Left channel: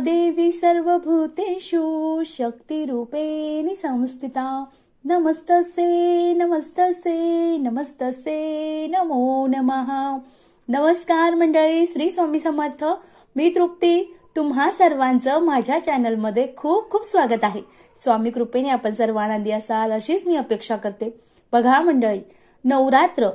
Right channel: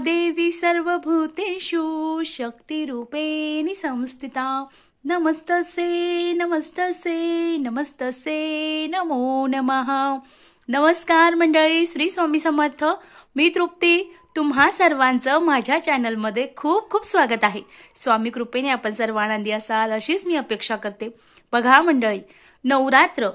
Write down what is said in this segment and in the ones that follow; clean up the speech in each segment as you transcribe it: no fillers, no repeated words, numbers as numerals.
देवी सर्वभूतेषु शक्तिरूपेण संस्थिता नमस्तसे नमस्तसे नमस्तसे नमो नमः। नमस्कार मंडळी, श्री स्वामी समर्थ। मी तृप्ती, तुम्हा सर्वांचं माझ्या चॅनलमध्ये खूप खूप स्वागत आहे। स्वामी कृपेने आपण सर्व आनंदी असाल अशीच मी अपेक्षा करते। बघा मंडळी, नवरात्र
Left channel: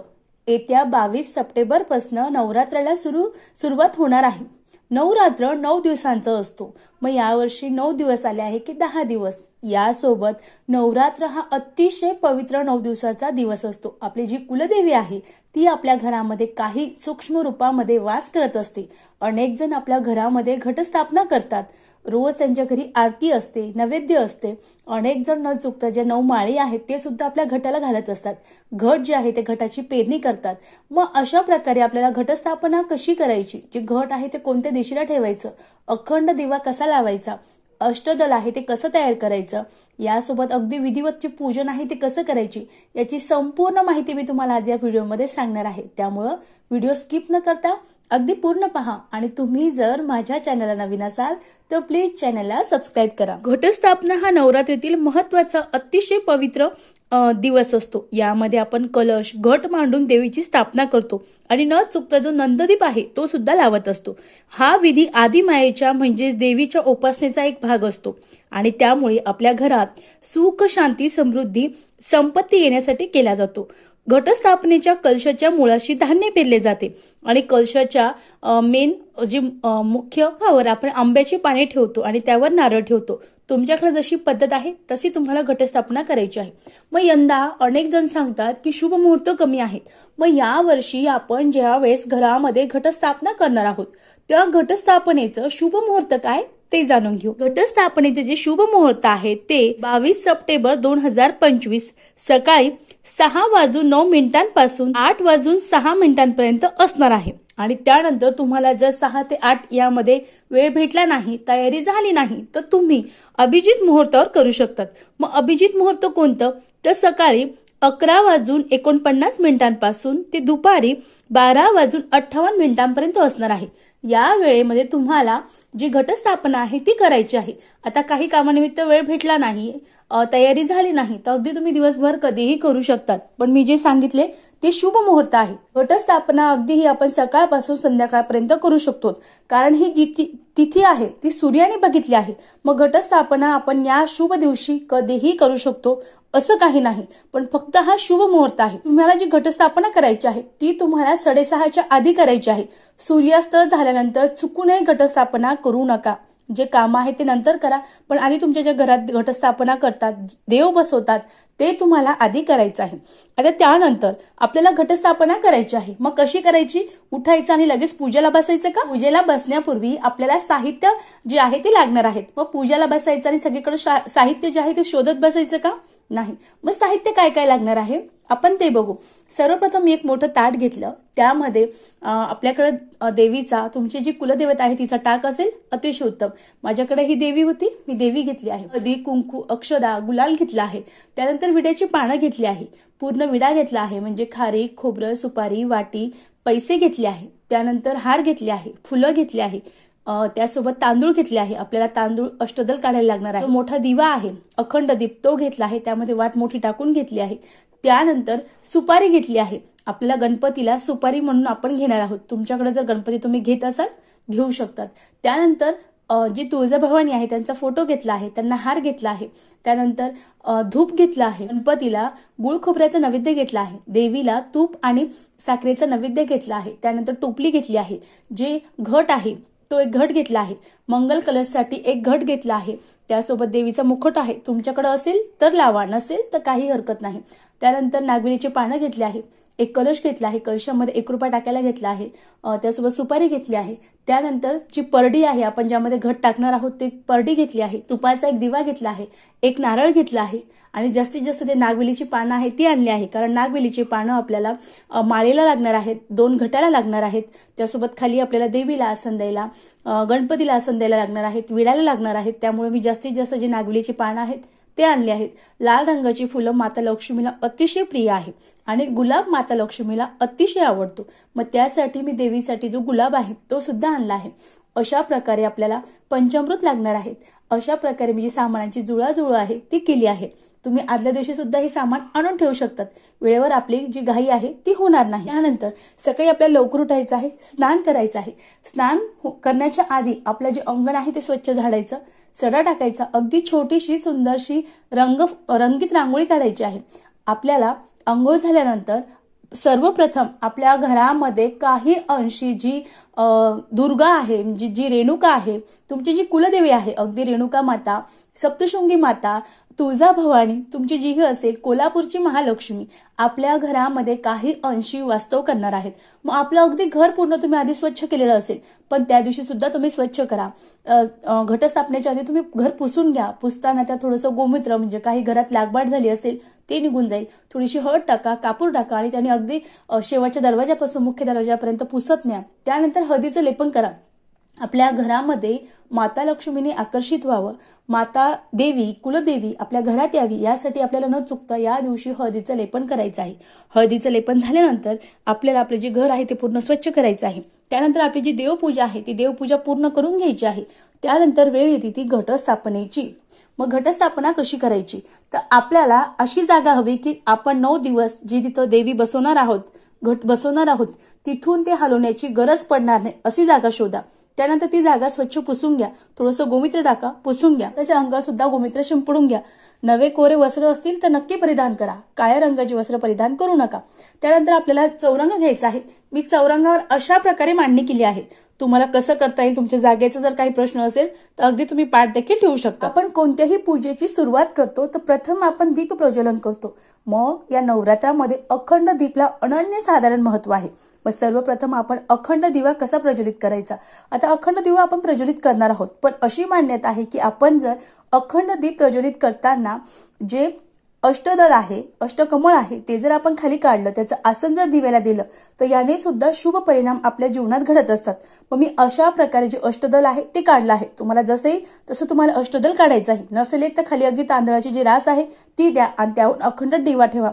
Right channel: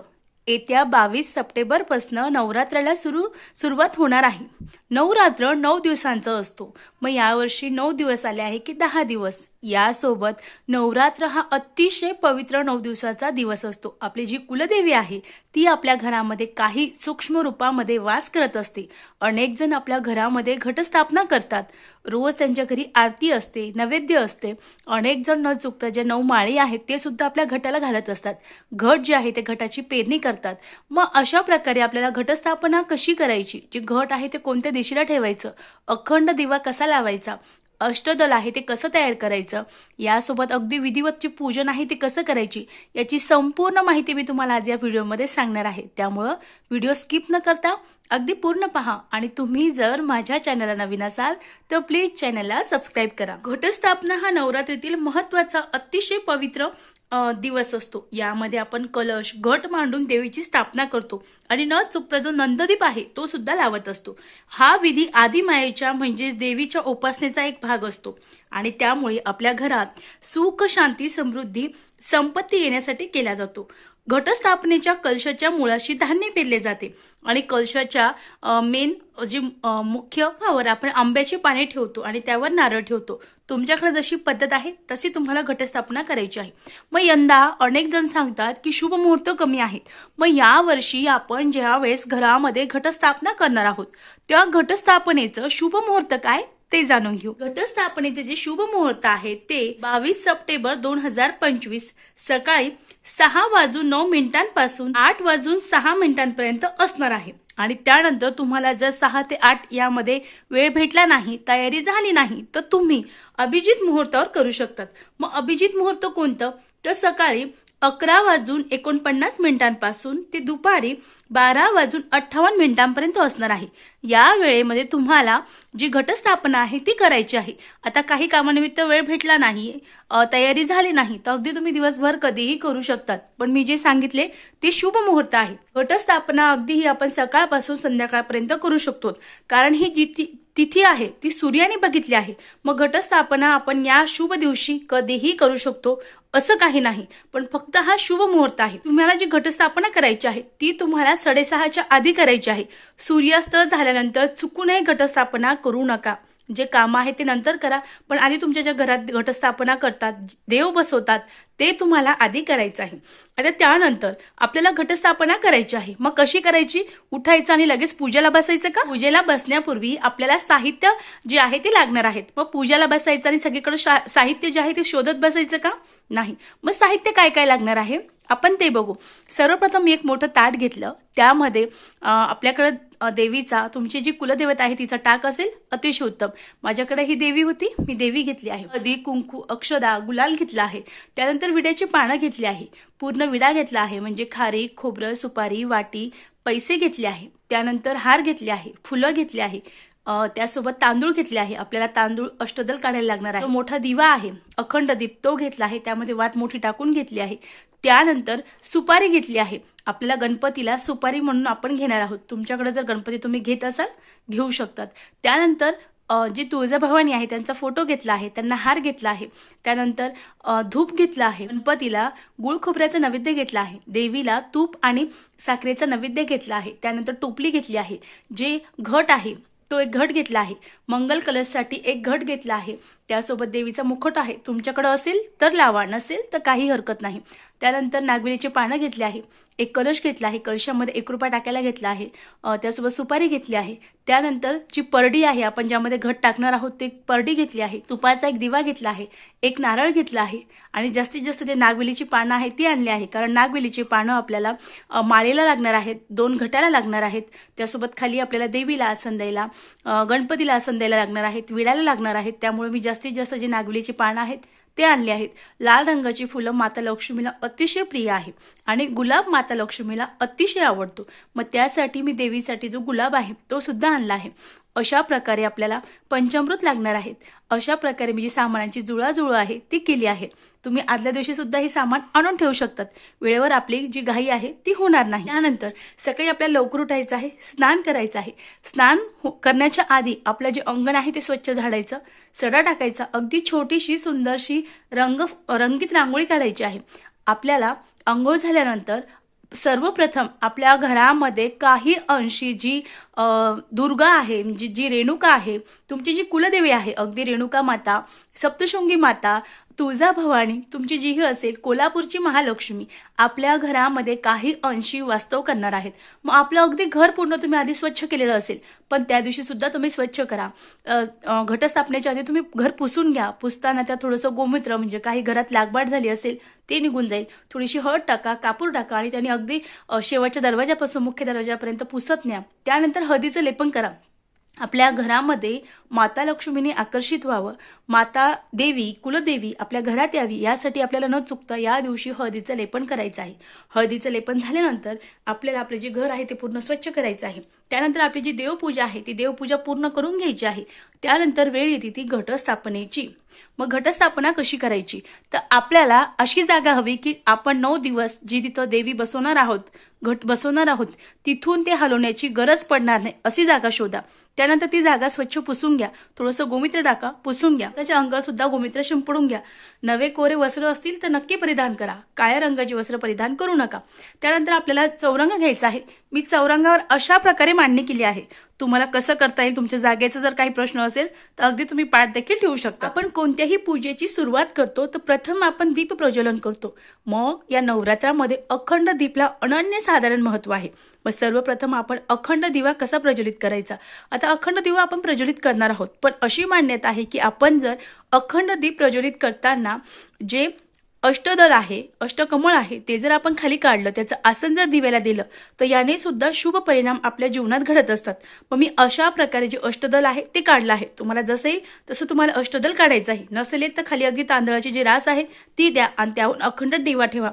येत्या 22 सप्टेंबर पासून नवरात्राला सुरुवात होणार आहे। नवरात्र 9 दिवसांचा असतो। मग यावर्षी 9 दिवस आले आहे की 10 दिवस। यासोबत नवरात्र हा अतिशय पवित्र 9 दिवसाचा दिवस असतो। आपली जी कुलदेवी आहे ती आपल्या घरामध्ये काही सूक्ष्म रूपामध्ये वास करत असते। अनेक जण आपल्या घरामध्ये घटस्थापना करतात। रोज त्यांच्या घरी आरती असते, नैवेद्य असते। अनेक जण न चुकता जे 9 माळी आहेत ते सुद्धा आपल्या घटाला घालत असतात। घट जे आहे ते घटाची पेरणी करतात। मग अशा प्रकारे आपल्याला घटस्थापना कशी करायची, जे घट आहे ते कोणत्या दिशेला ठेवायचं, अखंड दिवा कसा लावायचा, अष्टदल आहे ते कसं तयार करायचं, यासोबत अगदी विधिवतचे पूजन आहे ते कसं करायची, याची संपूर्ण माहिती मी तुम्हाला आज या व्हिडिओमध्ये सांगणार आहे। त्यामुळे व्हिडिओ स्किप न करता अगदी पूर्ण पहा। आणि तुम्ही जर माझ्या चॅनलला नवीन असाल तर प्लीज चॅनलला सबस्क्राइब करा। घटस्थापना हा नवरात्रीतील महत्त्वाचा अतिशय पवित्र दिवस असतो। यामध्ये आपण कलश घट मांडून देवीची स्थापना करतो आणि न चुकता जो नंददीप आहे तो सुद्धा लावत असतो। हा विधी आदिमायेच्या म्हणजे देवीच्या उपासनेचा एक भाग असतो आणि त्यामुळे आपल्या घरात सुख, शांती, समृद्धी, संपत्ती येण्यासाठी केला जातो। घटस्थापनेच्या कलशाच्या मुळाशी धान्य पेरले जाते आणि कलशाच्या मेन जे मुख्य भावर आपण आंब्याची पाने ठेवतो आणि त्यावर नारळ ठेवतो। तुमच्याकडे जशी पद्धत आहे तशी तुम्हाला घटस्थापना करायची आहे। मग यंदा अनेक जण सांगतात की शुभ मुहूर्त कमी आहेत। मग या वर्षी आपण ज्या वेळेस घरामध्ये घटस्थापना करणार आहोत त्या घटस्थापनेचं शुभ मुहूर्त काय ते जाणून घेऊ। घटस्थापनेचे जे शुभ मुहूर्त आहे ते 22 सप्टेंबर 2025 सकाळी 6:09 पासून 8:06 पर्यंत असणार आहे। आणि त्यानंतर तुम्हाला जर 6 ते 8 यामध्ये वेळ भेटला नाही, तयारी झाली नाही, तर तुम्ही अभिजित मुहूर्तावर करू शकतात। मग अभिजित मुहूर्त कोणतं, तर सकाळी 11:49 पासून ते दुपारी 12:58 पर्यंत असणार आहे। या वेळेमध्ये तुम्हाला जी घटस्थापना आहे ती करायची आहे। आता काही कामानिमित्त वेळ भेटला नाही, तयारी झाली नाही, तर अगदी तुम्ही दिवसभर कधीही करू शकतात। पण मी जे सांगितले ते शुभ मुहूर्त आहे। घटस्थापना अगदी ही आपण सकाळपासून संध्याकाळपर्यंत करू शकतो, कारण ही जी तिथी आहे ती सूर्याने बघितली आहे। मग घटस्थापना आपण या शुभ दिवशी कधीही करू शकतो असं काही नाही, पण फक्त हा शुभ मुहूर्त आहे। तुम्हाला जी घटस्थापना करायची आहे ती तुम्हाला 6:30च्या आधी करायची आहे। सूर्यास्त झाल्यानंतर चुकूनही घटस्थापना करू नका। जे काम आहे ते नंतर करा, पण आधी तुमच्या ज्या घरात घटस्थापना करतात, देव बसवतात, ते तुम्हाला आधी करायचं आहे। आता त्यानंतर आपल्याला घटस्थापना करायची आहे। मग कशी करायची, उठायचं आणि लगेच पूजेला बसायचं का? पूजेला बसण्यापूर्वी आपल्याला साहित्य जे आहे ते लागणार आहेत। मग पूजेला बसायचं आणि सगळीकडे साहित्य जे आहे ते शोधत बसायचं का? नाही। मग साहित्य काय काय लागणार आहे आपण ते बघू। सर्वप्रथम मी एक मोठं ताट घेतलं, त्यामध्ये आपल्याकडे देवीचा, तुमची जी कुलदेवता आहे तिचा टाक असेल, अतिशय उत्तम। माझ्याकडे ही देवी होती, मी देवी घेतली आहे। हळदी, कुंकू, अक्षदा, गुलाल घेतला आहे। त्यानंतर विड्याची पानं घेतली आहे, पूर्ण विडा घेतला आहे, म्हणजे खारीक, खोबरं, सुपारी, वाटी, पैसे घेतले आहे। त्यानंतर हार घेतले आहे, फुलं घेतली आहे, त्यासोबत तांदूळ घेतले आहे। आपल्याला तांदूळ अष्टदल काढायला लागणार आहे। मोठा दिवा आहे, अखंड दीप, तो घेतला आहे, त्यामध्ये वात मोठी टाकून घेतली आहे। त्यानंतर सुपारी घेतली आहे। आपल्याला गणपतीला सुपारी म्हणून आपण घेणार आहोत। तुमच्याकडे जर गणपती तुम्ही घेत असाल घेऊ शकतात। त्यानंतर जी तुळजाभवानी आहे त्यांचा फोटो घेतला आहे, त्यांना हार घेतला आहे। त्यानंतर धूप घेतला आहे, गणपतीला गुळ खोबऱ्याचा नैवेद्य घेतला आहे, देवीला तूप आणि साखरेचा नैवेद्य घेतला आहे। त्यानंतर टोपली घेतली आहे, जे घट आहे तो एक घट घेतला आहे, मंगल कलशसाठी एक घट घेतला आहे। त्यासोबत देवीचा मुखट आहे, तुमच्याकडे असेल तर लावा, नसेल तर काही हरकत नाही। त्यानंतर नागवेलीचे पानं घेतले आहे, एक कलश घेतला आहे, कलशामध्ये 1 रुपया टाकायला घेतला आहे, त्यासोबत सुपारी घेतली आहे। त्यानंतर जी परडी आहे, आपण ज्यामध्ये घट टाकणार आहोत ते परडी घेतली आहे, तुपाचा एक दिवा घेतला आहे, एक नारळ घेतला आहे आणि जास्तीत जास्त जे नागवेलीची पानं आहेत ती आणली आहे, कारण नागवेलीची पानं आपल्याला माळेला लागणार आहेत, 2 घटाला लागणार आहेत। त्यासोबत खाली आपल्याला देवीला आसन द्यायला, गणपतीला आसन द्यायला लागणार आहेत, विड्याला लागणार आहेत। त्यामुळे मी जास्तीत जास्त जे नागवेलीची पानं आहेत ते आणले आहेत। लाल रंगाची फुलं माता लक्ष्मीला अतिशय प्रिय आहे आणि गुलाब माता लक्ष्मीला अतिशय आवडतो। मग त्यासाठी मी देवीसाठी जो गुलाब आहे तो सुद्धा आणला आहे। अशा प्रकारे आपल्याला पंचामृत लागणार आहेत. अशा प्रकारे मी जी सामानांची जुळाजुळव आहे ती केली आहे. तुम्ही आदल्या दिवशी सुद्धा हे सामान आणून ठेवू शकतात. वेळेवर आपली जी घाई आहे ती होणार नाही. त्यानंतर सकाळी आपल्याला लवकर उठायचं आहे, स्नान करायचं आहे. स्नान करण्याच्या आधी आपलं जे अंगण आहे ते स्वच्छ झाडायचं, सडा टाकायचा, अगदी छोटीशी सुंदरशी रंगीत रांगोळी काढायची आहे. आपल्याला आंघोळ झाल्यानंतर सर्वप्रथम आपल्या घरामध्ये काही अंशी जी दुर्गा आहे, म्हणजे जी रेणुका आहे, तुमची जी कुलदेवी आहे, अगदी रेणुका माता, सप्तशृंगी माता, तुळजाभवानी, तुमची जी असेल कोल्हापूरची महालक्ष्मी, आपल्या घरामध्ये काही अंशी वास्तव करणार आहेत. मग आपलं अगदी घर पूर्ण तुम्ही आधी स्वच्छ केलेलं असेल, पण त्या दिवशी सुद्धा तुम्ही स्वच्छ करा. घटस्थापनेच्या आधी तुम्ही घर पुसून घ्या. पुसताना त्या थोडंसं गोमूत्र, म्हणजे काही घरात लागबाट झाली असेल ते निघून जाईल. थोडीशी हळद टाका, कापूर टाका आणि त्याने अगदी शेवटच्या दरवाजापासून मुख्य दरवाजापर्यंत पुसत न्या. त्यानंतर हळदीचं लेपन करा. आपल्या घरामध्ये माता लक्ष्मीने आकर्षित व्हावं, माता देवी कुलदेवी आपल्या घरात यावी, यासाठी आपल्याला न चुकता या दिवशी हळदीचं लेपन करायचं आहे. हळदीचं लेपन झाल्यानंतर आपल्याला आपलं जे घर आहे ते पूर्ण स्वच्छ करायचं आहे. त्यानंतर आपली जी देवपूजा आहे ती देवपूजा पूर्ण करून घ्यायची आहे. त्यानंतर वेळ येते ती घटस्थापनेची. मग घटस्थापना कशी करायची, तर आपल्याला अशी जागा हवी की आपण 9 दिवस जी तिथं देवी बसवणार आहोत, घट बसवणार आहोत, तिथून ते हलवण्याची गरज पडणार नाही अशी जागा शोधा. त्यानंतर ती जागा स्वच्छ पुसून घ्या, थोडंसं गोमित्र टाका, पुसून घ्या. त्याच्या अंगावर सुद्धा गोमित्र शिंपडून घ्या. नवे कोरे वस्त्र असतील तर नक्की परिधान करा, काळ्या रंगाची वस्त्र परिधान करू नका. त्यानंतर आपल्याला चौरंग घ्यायचा आहे. मी चौरंगावर अशा प्रकारे मांडणी केली आहे. तुम्हाला कसं करता येईल, तुमच्या जागेचा जर काही प्रश्न असेल तर अगदी तुम्ही पाठ देखील ठेवू शकता. आपण कोणत्याही पूजेची सुरुवात करतो तर प्रथम आपण दीप प्रज्वलन करतो. मग या नवरात्रामध्ये अखंड दीपला अनन्यसाधारण महत्व आहे. मग सर्वप्रथम आपण अखंड दिवा कसा प्रज्वलित करायचा. आता अखंड दिवा आपण प्रज्वलित करणार आहोत, पण अशी मान्यता आहे की आपण जर अखंड दीप प्रज्वलित करताना जे अष्टदल आहे, अष्टकमळ आहे, ते जर आपण खाली काढलं, त्याचं आसन जर दिव्याला दिलं तर याने सुद्धा शुभ परिणाम आपल्या जीवनात घडत असतात. मग मी अशा प्रकारे जे अष्टदल आहे ते काढलं आहे. तुम्हाला जसं येईल तसं तुम्हाला अष्टदल काढायचं आहे. नसेल तर खाली अगदी तांदळाची जी रास आहे ती द्या आणि त्याहून अखंड दिवा ठेवा.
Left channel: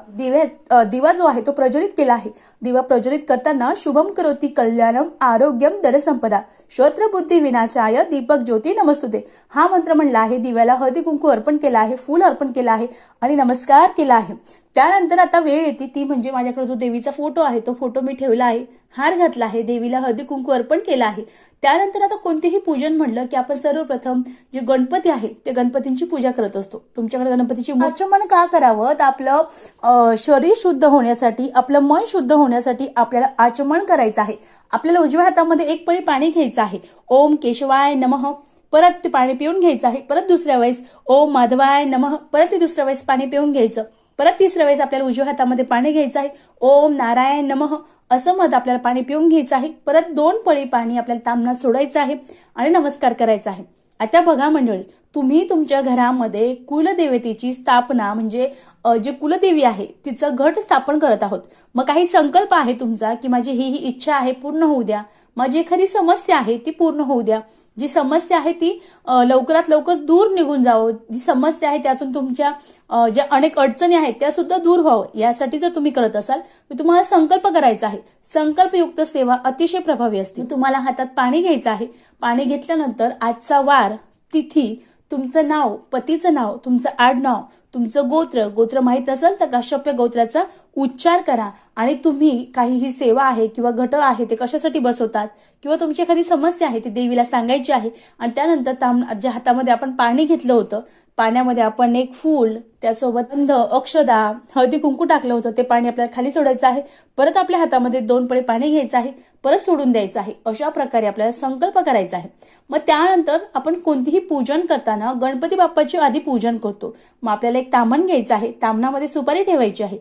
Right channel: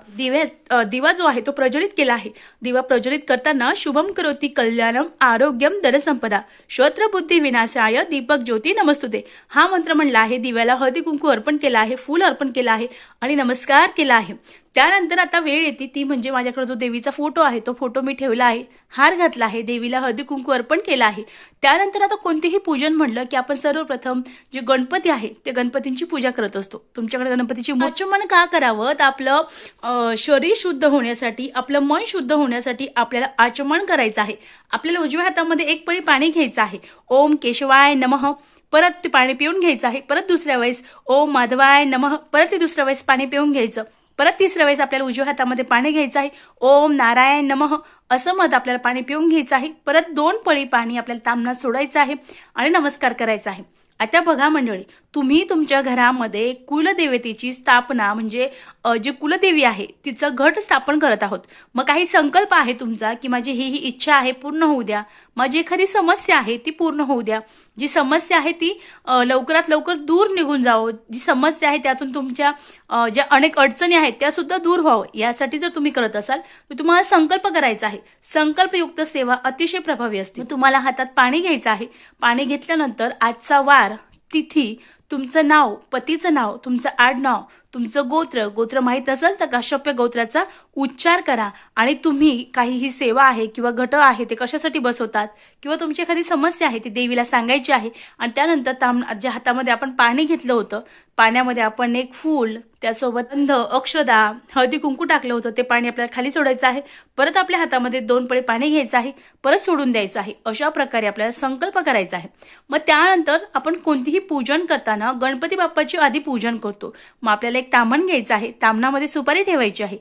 दिवा जो आहे तो प्रज्वलित केला आहे. दिवा प्रज्वलित करताना शुभम करोती कल्याणम आरोग्यम धनसंपदा श्रोत्र बुद्धी विनाशाय दीपक ज्योती नमस्तुते हा मंत्र म्हणला आहे. दिव्याला हळदी कुंकू अर्पण केला आहे, फूल अर्पण केलं आहे आणि नमस्कार केला आहे. त्यानंतर आता वेळ येते ती म्हणजे माझ्याकडे जो देवीचा फोटो आहे तो फोटो मी ठेवला आहे, हार घातला आहे, देवीला हळदी कुंकू अर्पण केला आहे. त्यानंतर आता कोणतेही पूजन म्हणलं की आपण सर्वप्रथम जे गणपती आहे ते गणपतींची पूजा करत असतो. तुमच्याकडे गणपतीची आचमन का करावं, तर आपलं शरीर शुद्ध होण्यासाठी, आपलं मन शुद्ध होण्यासाठी आपल्याला आचमन करायचं आहे. आपल्याला उजव्या हातामध्ये एक पळी पाणी घ्यायचं आहे. ओम केशवाय नमः, परत ते पाणी पिऊन घ्यायचं आहे. परत दुसऱ्या वेळेस ओम माधवाय नमः, परत ते दुसऱ्या वेळेस पाणी पिऊन घ्यायचं. परत तिसऱ्या वेळेस आपल्याला उजव्या हातामध्ये पाणी घ्यायचं आहे. ओम नारायण नमः असं मत आपल्याला पाणी पिऊन घ्यायचं आहे. परत 2 पळी पाणी आपल्याला तांबणात सोडायचं आहे आणि नमस्कार करायचा आहे. आता बघा मंडळी, तुम्ही तुमच्या घरामध्ये कुलदेवतेची स्थापना म्हणजे जी कुलदेवी आहे तिचं घट स्थापन करत आहोत. मग काही संकल्प आहे तुमचा की माझी ही इच्छा आहे पूर्ण होऊ द्या, माझी एखादी समस्या आहे ती पूर्ण होऊ द्या, जी समस्या आहे ती लवकरात लवकर दूर निघून जावं, जी समस्या आहे त्यातून तुमच्या ज्या अनेक अडचणी आहेत त्या सुद्धा दूर व्हावं, यासाठी जर तुम्ही करत असाल तर तुम्हाला संकल्प करायचा आहे. संकल्पयुक्त सेवा अतिशय प्रभावी असते. तुम्हाला हातात पाणी घ्यायचं आहे. पाणी घेतल्यानंतर आजचा वार, तिथी, तुमचं नाव, पतीचं नाव, तुमचं आडनाव, तुमचं गोत्र माहित असेल तर काश्यप्य गोत्राचा उच्चार करा आणि तुम्ही काही ही सेवा आहे किंवा घट आहे ते कशासाठी बसवतात किंवा तुमची एखादी समस्या आहे ती देवीला सांगायची आहे. आणि त्यानंतर ज्या हातामध्ये आपण पाणी घेतलं होतं पाण्यामध्ये आपण एक फूल, त्यासोबत गंध, अक्षदा, हळदी कुंकू टाकलं होतं ते पाणी आपल्याला खाली सोडायचं आहे. परत आपल्या हातामध्ये 2 पळी पाणी घ्यायचं आहे, परत सोडून द्यायचं आहे. अशा प्रकारे आपल्याला संकल्प करायचा आहे. मग त्यानंतर आपण कोणतीही पूजन करताना गणपती बाप्पाची आधी पूजन करतो. मग आपल्याला एक ताम्हण घ्यायचं आहे. ताम्हणामध्ये सुपारी ठेवायची आहे.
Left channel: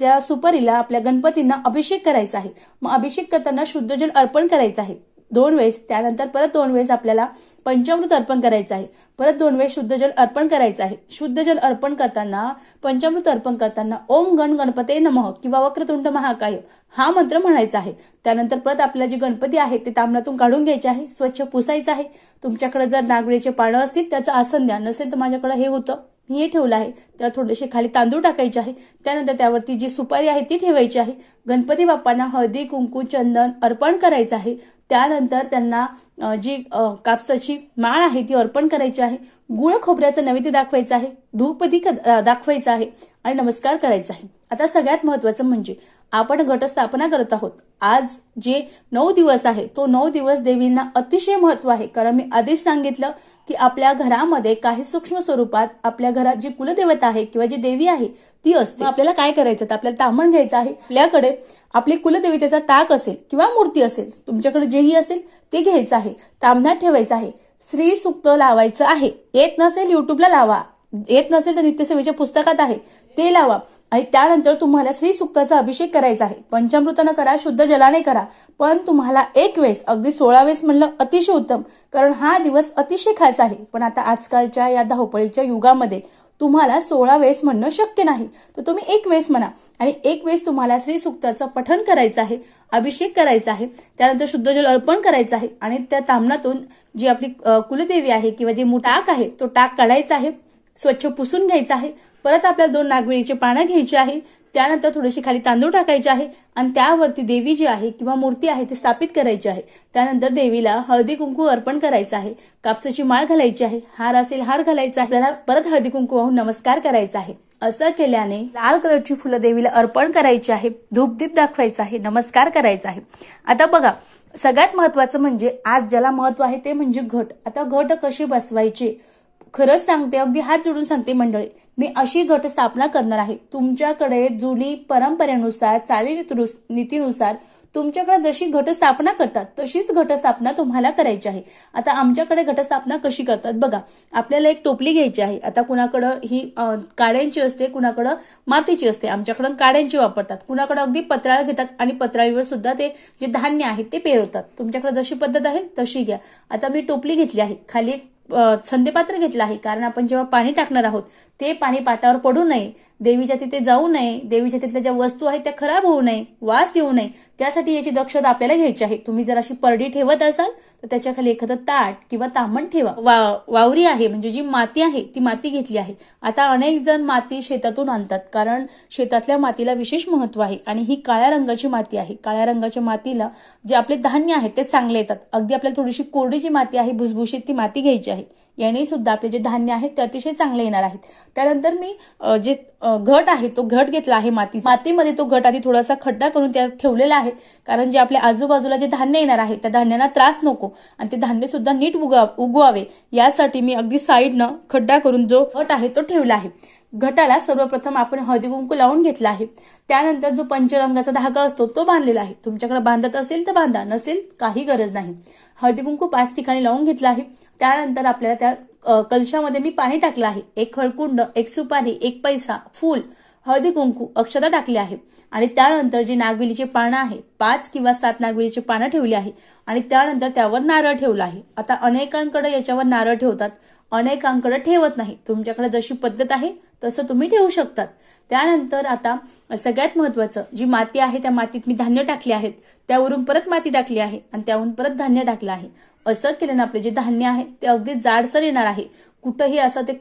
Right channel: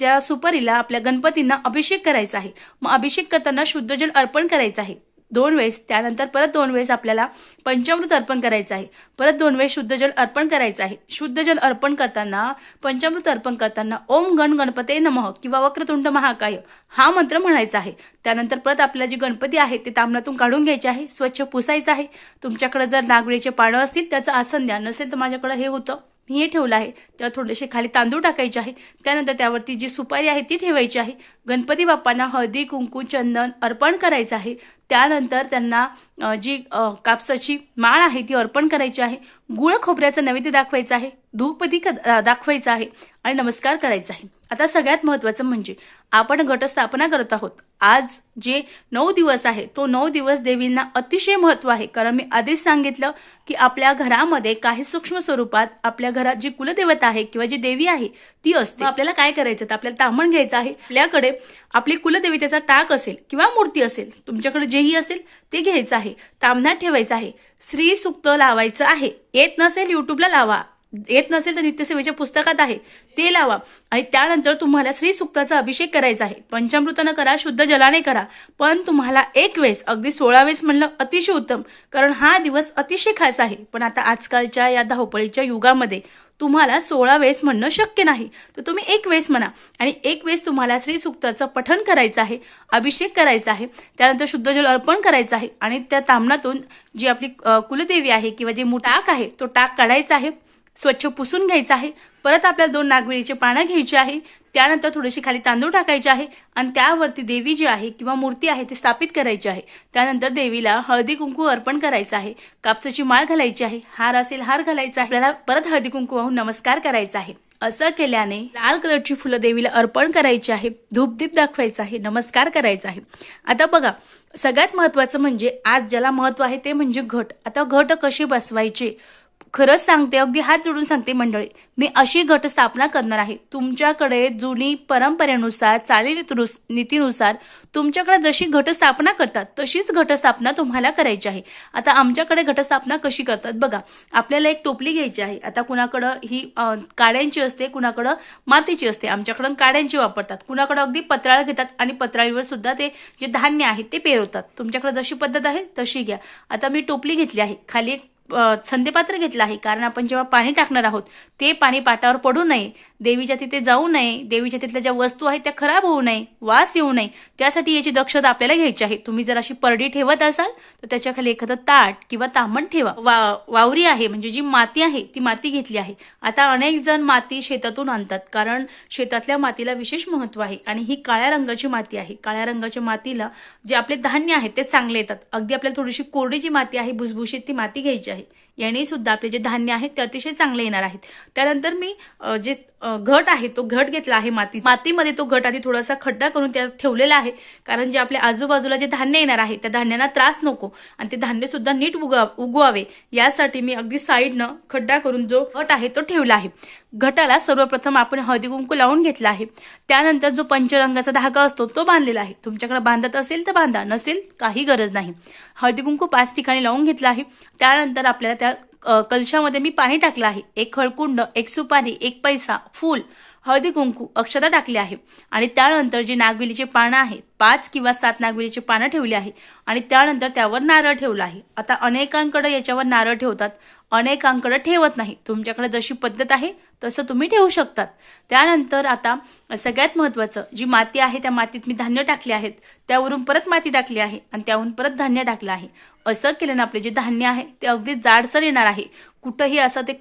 त्या सुपारीला आपल्या गणपतींना अभिषेक करायचा आहे. मग अभिषेक करताना शुद्ध जल अर्पण करायचं आहे 2 वेळेस. त्यानंतर परत 2 वेळेस आपल्याला पंचामृत अर्पण करायचं आहे. परत 2 वेळेस शुद्ध जल अर्पण करायचं आहे. शुद्ध जल अर्पण करताना, पंचामृत अर्पण करताना ओम गण गणपते नमः किंवा वक्रतुंड महाकाय हा मंत्र म्हणायचा आहे. त्यानंतर परत आपल्याला जी गणपती आहे ते ताम्हणातून काढून घ्यायचे आहे, स्वच्छ पुसायचं आहे. तुमच्याकडे जर नागवेलीचे पानं असतील त्याचं आसन द्या, नसेल तर माझ्याकडे हे होतं मी हे ठेवलं आहे. त्यावर थोडेसे खाली तांदूळ टाकायचे आहे. त्यानंतर त्यावरती जी सुपारी आहे ती ठेवायची आहे. गणपती बाप्पांना हळदी कुंकू चंदन अर्पण करायचं आहे. त्यानंतर त्यांना जी कापसाची माळ आहे ती अर्पण करायची आहे. गुळ खोबऱ्याचा नैवेद्य दाखवायचा आहे. धूपदीप दाखवायचा आहे आणि नमस्कार करायचा आहे. आता सगळ्यात महत्त्वाचं म्हणजे आपण घटस्थापना करत आहोत. आज जे 9 दिवस आहे तो 9 दिवस देवींना अतिशय महत्त्व आहे. कारण मी आधीच सांगितलं की आपल्या घरामध्ये काही सूक्ष्म स्वरूपात आपल्या घरात जी कुलदेवता आहे किंवा जी देवी आहे ती असते. आपल्याला काय करायचं तर आपल्याला ताम्हण घ्यायचं आहे. आपल्याकडे आपली कुलदेवतेचा टाक असेल किंवा मूर्ती असेल, तुमच्याकडे जेही असेल ते घ्यायचं आहे. ताम्हणात ठेवायचं आहे. श्री सूक्त लावायचं आहे. येत नसेल युट्यूबला लावा, येत नसेल तर नित्यसेवेच्या पुस्तकात आहे ते लावा. आणि त्यानंतर तुम्हाला श्री सूक्ताचा अभिषेक करायचा आहे. पंचामृतानं करा, शुद्ध जलाने करा, पण तुम्हाला एक वेळेस, अगदी 16 वेळेस म्हणलं अतिशय उत्तम, कारण हा दिवस अतिशय खास आहे. पण आता आजकालच्या या धावपळीच्या युगामध्ये तुम्हाला 16 वेळेस म्हणणं शक्य नाही, तर तुम्ही एक वेळेस म्हणा. आणि एक वेळेस तुम्हाला श्री सूक्ताचं पठण करायचं आहे, अभिषेक करायचा आहे. त्यानंतर शुद्ध जल अर्पण करायचं आहे आणि त्या ताम्हणातून जी आपली कुलदेवी आहे किंवा जे टाक आहे तो टाक काढायचा आहे, स्वच्छ पुसून घ्यायचा आहे. परत आपल्याला 2 नागवेलीची पानं घ्यायची आहे. त्यानंतर थोडीशी खाली तांदूळ टाकायचे आहे आणि त्यावरती देवी जी आहे किंवा मूर्ती आहे ती स्थापित करायची आहे. त्यानंतर देवीला हळदी कुंकू अर्पण करायचं आहे. कापसाची माळ घालायची आहे. हार असेल हार घालायचा आहे. आपल्याला परत हळदी कुंकू वाहून नमस्कार करायचा आहे. असं केल्याने लाल कलरची फुलं देवीला अर्पण करायची आहे. धूपदीप दाखवायचा आहे. नमस्कार करायचा आहे. आता बघा, सगळ्यात महत्वाचं म्हणजे आज ज्याला महत्व आहे ते म्हणजे घट. आता घट कशी बसवायची खरंच सांगते, अगदी हात जोडून सांगते मंडळी, मी अशी घटस्थापना करणार आहे. तुमच्याकडे जुनी परंपरेनुसार चालीरीतीनुसार तुमच्याकडे जशी घटस्थापना करतात तशीच घटस्थापना तुम्हाला करायची आहे. आता आमच्याकडे घटस्थापना कशी करतात बघा, आपल्याला एक टोपली घ्यायची आहे. आता कुणाकडं ही काड्यांची असते, कुणाकडं मातीची असते. आमच्याकडं काड्यांची वापरतात, कुणाकडं अगदी पत्राळ घेतात आणि पत्राळीवर सुद्धा ते जे धान्य आहे ते पेरवतात. तुमच्याकडे जशी पद्धत आहे तशी घ्या. आता मी टोपली घेतली आहे, खाली संध्यपात्र घेतलं आहे, कारण आपण जेव्हा पाणी टाकणार आहोत ते पाणी पाटावर पडू नये, देवीच्या तिथे जाऊ नये, देवीच्या तिथल्या ज्या वस्तू आहेत त्या खराब होऊ नये, वास येऊ नये, त्यासाठी याची दक्षता आपल्याला घ्यायची आहे. तुम्ही जर अशी परडी ठेवत असाल तर त्याच्या खाली एखादं ताट किंवा ताम्हण ठेवा. वावरी आहे म्हणजे जी माती आहे ती माती घेतली आहे. आता अनेक जण माती शेतातून आणतात, कारण शेतातल्या मातीला विशेष महत्व आहे आणि ही काळ्या रंगाची माती आहे. काळ्या रंगाच्या मातीला जे आपले धान्य आहे ते चांगले येतात. अगदी आपल्याला थोडीशी कोरडी जी माती आहे, भुसभुशीत ती माती घ्यायची आहे. याने सुद्धा आपले जे धान्य आहे ते अतिशय चांगले येणार आहेत. त्यानंतर मी जे घट आहे तो घट घेतला आहे. मातीमध्ये तो घट आधी थोडासा खड्डा करून त्यात ठेवलेला आहे, कारण जे आपल्या आजूबाजूला जे धान्य येणार आहे त्या धान्यांना त्रास नको आणि ते धान्य सुद्धा नीट उगवावे यासाठी मी अगदी साईडनं खड्डा करून जो घट आहे तो ठेवला आहे. घटाला सर्वप्रथम आपण हळदी कुंकू लावून घेतला आहे. त्यानंतर जो पंचरंगाचा धागा असतो तो बांधलेला आहे. तुमच्याकडे बांधत असेल तर बांधा, नसेल काही गरज नाही. हळदी कुंकू 5 ठिकाणी लावून घेतला आहे. त्यानंतर आपल्याला त्या कलशामध्ये मी पाणी टाकलं आहे. 1 हळकुंड, 1 सुपारी, 1 पैसा, फूल, हळदी कुंकू, अक्षता टाकली आहे आणि त्यानंतर जी नागवेलीचे पानं आहेत 5 किंवा 7 नागवेलीचे पानं ठेवली आहे आणि त्यानंतर त्यावर नारळ ठेवला आहे. आता अनेकांकडे याच्यावर नारळ ठेवतात, अनेकांकडे ठेवत नाही. तुमच्याकडे जशी पद्धत आहे तसं तुम्ही ठेवू शकतात. त्यानंतर आता सगळ्यात महत्वाचं, जी माती आहे त्या मातीत मी धान्य टाकले आहेत, त्यावरून परत माती टाकली आहे आणि त्यावरून परत धान्य टाकलं आहे. असं केल्यानं आपले जे धान्य आहे ते अगदी जाडसर येणार आहे. कुठंही असं ते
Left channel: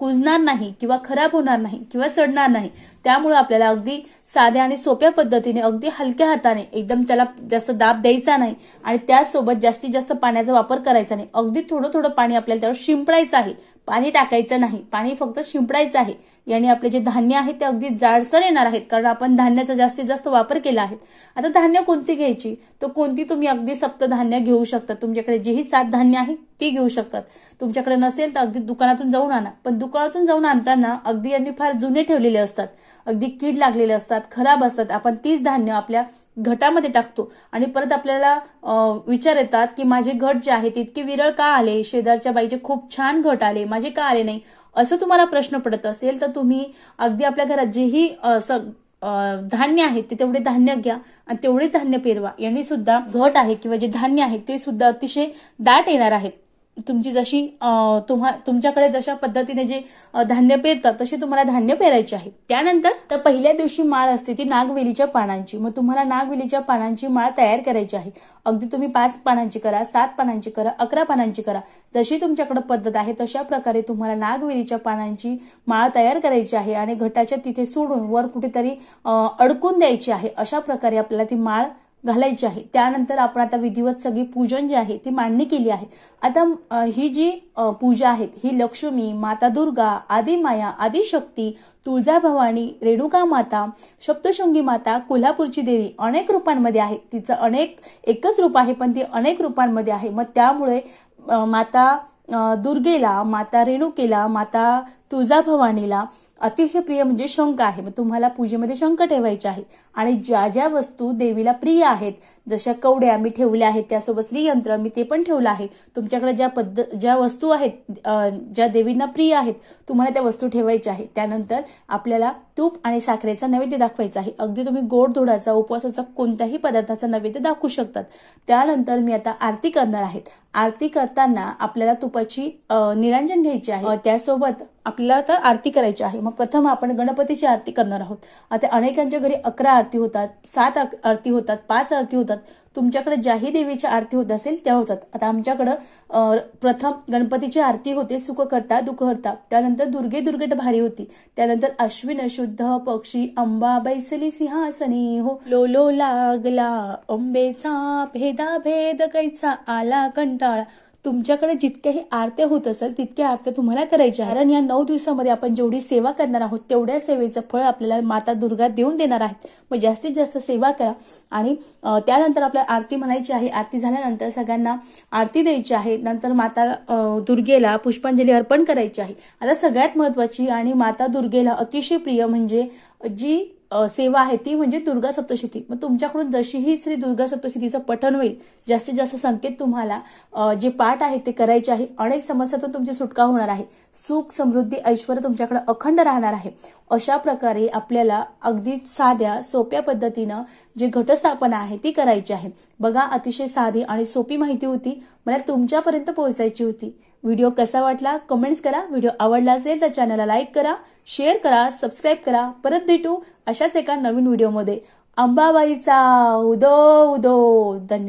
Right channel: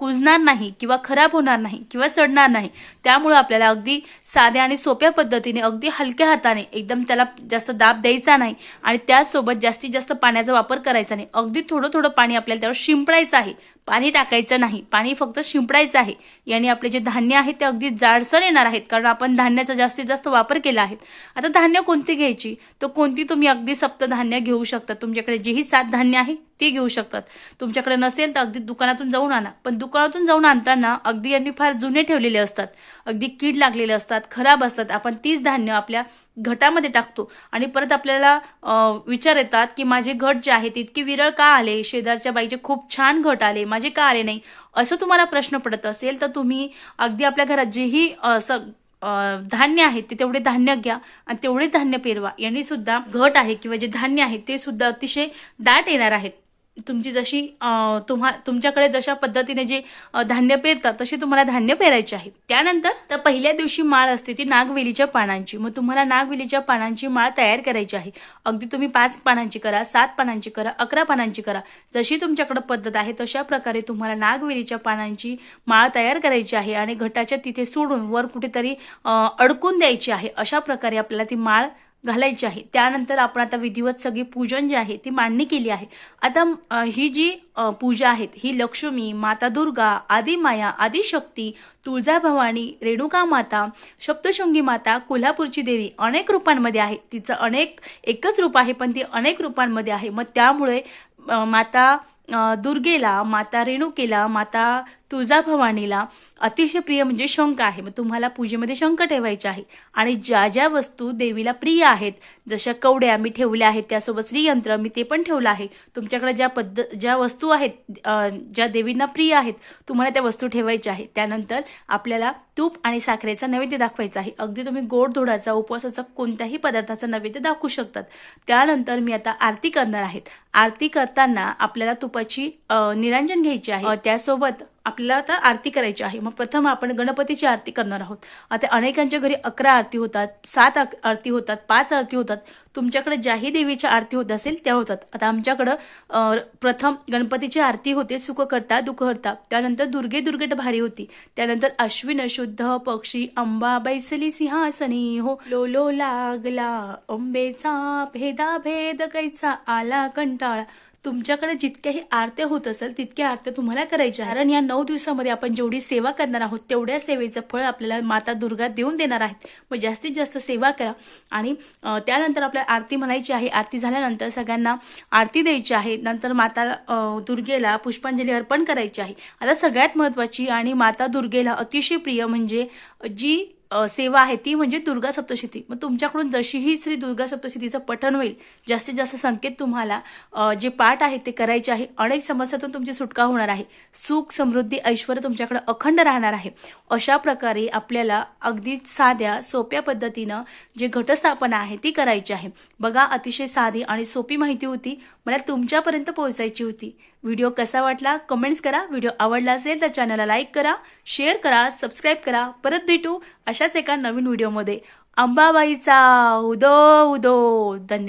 कुजणार नाही किंवा खराब होणार नाही किंवा सडणार नाही. त्यामुळे आपल्याला अगदी साध्या आणि सोप्या पद्धतीने, अगदी हलक्या हाताने, एकदम त्याला जास्त दाब द्यायचा नाही आणि त्याचसोबत जास्तीत जास्त पाण्याचा वापर करायचा नाही. अगदी थोडं थोडं पाणी आपल्याला त्यावर शिंपडायचं आहे, पाणी टाकायचं नाही, पाणी फक्त शिंपडायचं आहे. याने आपले जे धान्य आहे ते अगदी जाडसर येणार आहेत, कारण आपण धान्याचा जास्तीत जास्त वापर केला आहे. आता धान्य कोणती घ्यायची, तर कोणती तुम्ही अगदी सप्तधान्य घेऊ शकता. तुमच्याकडे जेही 7 धान्य आहे ते घेऊ शकतात. तुमच्याकडे नसेल तर अगदी दुकानातून जाऊन आणा. पण दुकानातून जाऊन आणताना अगदी यांनी फार जुने ठेवलेले असतात, अगदी कीड लागलेले असतात, खराब असतात. आपण 30 धान्य आपल्या घटामध्ये टाकतो आणि परत आपल्याला विचार येतात की माझे घट जे आहे ते इतके विरळ का आले, शेजारच्या बाईचे खूप छान घट आले, माझे का आले नाही, असं तुम्हाला प्रश्न पडत असेल तर तुम्ही अगदी आपल्या घरात जेही धान्य आहे ते तेवढे धान्य घ्या आणि तेवढेच धान्य पेरवा. यांनी सुद्धा घट आहे किंवा जे धान्य आहे ते सुद्धा अतिशय दाट येणार आहेत. तुमची जशी तुमच्याकडे जशा पद्धतीने जे धान्य पेरतात तशी तुम्हाला धान्य पेरायचे आहे। त्यानंतर तर पहिल्या दिवशी माळ असते ती नागवेलीच्या पानांची। मग तुम्हाला नागवेलीच्या पानांची माळ तयार करायची आहे। अगदी तुम्ही 5 पानांची करा, 7 पानांची करा, 11 पानांची करा, जशी तुमच्याकडे पद्धत आहे तशा प्रकारे तुम्हाला नागवेलीच्या पानांची माळ तयार करायची आहे आणि घटाच्या तिथे सोडून वर कुठेतरी अडकून द्यायची आहे। अशा प्रकारे आपल्याला ती माळ घालायची आहे। त्यानंतर आपण आता विधिवत सगळी पूजन जे आहे ती मांडणी केली आहे। आता ही जी पूजा आहेत ही लक्ष्मी, माता दुर्गा, आदिमाया, आदिशक्ती, तुळजाभवानी, रेणुका माता, सप्तशृंगी माता, कोल्हापूरची देवी अनेक रूपांमध्ये आहे। तिचं एकच रूप आहे पण ती अनेक रूपांमध्ये आहे। मग त्यामुळे माता दुर्गेला, माता रेणुकेला, माता तुळजाभवानीला अतिशय प्रिय म्हणजे शंख आहे। मग तुम्हाला पूजेमध्ये शंख ठेवायचे आहे आणि ज्या ज्या वस्तू देवीला प्रिय आहेत जशा कवड्या मी ठेवल्या आहेत, त्यासोबत श्रीयंत्र मी ते पण ठेवलं आहे। तुमच्याकडे ज्या वस्तू आहेत ज्या देवींना प्रिय आहेत तुम्हाला त्या वस्तू ठेवायच्या आहेत। त्यानंतर आपल्याला तूप आणि साखरेचा नैवेद्य दाखवायचा आहे। अगदी तुम्ही गोड धोडाचा उपवासाचा कोणत्याही पदार्थाचा नैवेद्य दाखवू शकतात। त्यानंतर मी आता आरती करणार आहे। आरती करताना आपल्याला तुपाची निरांजन घ्यायची आहे। त्यासोबत आपल्याला आता आरती करायची आहे। मग प्रथम आपण गणपतीची आरती करणार आहोत। आता अनेकांच्या घरी 11 आरती होतात, 7 आरती होतात, 5 आरती होतात। तुमच्याकडे ज्याही देवीची आरती होत असेल त्या होतात। आता आमच्याकडं प्रथम गणपतीची आरती होते सुख करता दुःख हरता, त्यानंतर दुर्गे दुर्गेट भारी होती, त्यानंतर अश्विन शुद्ध पक्षी अंबा बैसली सिंहासनी हो, लो लागला अंबेचा भेदा भेद कैचा आला कंटाळा। तुमच्याकडे जितक्याही आरत्या होत असेल तितक्या आरत्या तुम्हाला करायच्या, कारण या 9 दिवसामध्ये आपण जेवढी सेवा करणार आहोत तेवढ्या सेवेचं फळ आपल्याला माता दुर्गा देऊन देणार आहेत। मग जास्तीत जास्त सेवा करा आणि त्यानंतर आपल्याला आरती म्हणायची आहे। आरती झाल्यानंतर सगळ्यांना आरती द्यायची आहे। नंतर माता दुर्गेला पुष्पांजली अर्पण करायची आहे। आता सगळ्यात महत्वाची आणि माता दुर्गेला अतिशय प्रिय म्हणजे जी सेवा आहे ती म्हणजे दुर्गा सप्तशती। मग तुमच्याकडून जशीही श्री दुर्गा सप्तशतीचं पठण होईल जास्तीत जास्त संकेत तुम्हाला जे पाठ आहे ते करायचे आहे। अनेक समस्यातून तुमची सुटका होणार आहे, सुख समृद्धी ऐश्वर तुमच्याकडे अखंड राहणार आहे। अशा प्रकारे आपल्याला अगदी साध्या सोप्या पद्धतीनं जे घटस्थापना आहे ती करायची आहे। बघा अतिशय साधी आणि सोपी माहिती होती, मला तुमच्यापर्यंत पोहोचायची होती। व्हिडिओ कसा वाटला कमेंट्स करा। व्हिडिओ आवडला असेल तर चॅनलला लाईक करा, शेअर करा, सबस्क्राईब करा। परत भेटू अशाच एका नवीन व्हिडिओमध्ये। अंबाबाईचा उदो उदो। धन्यवाद।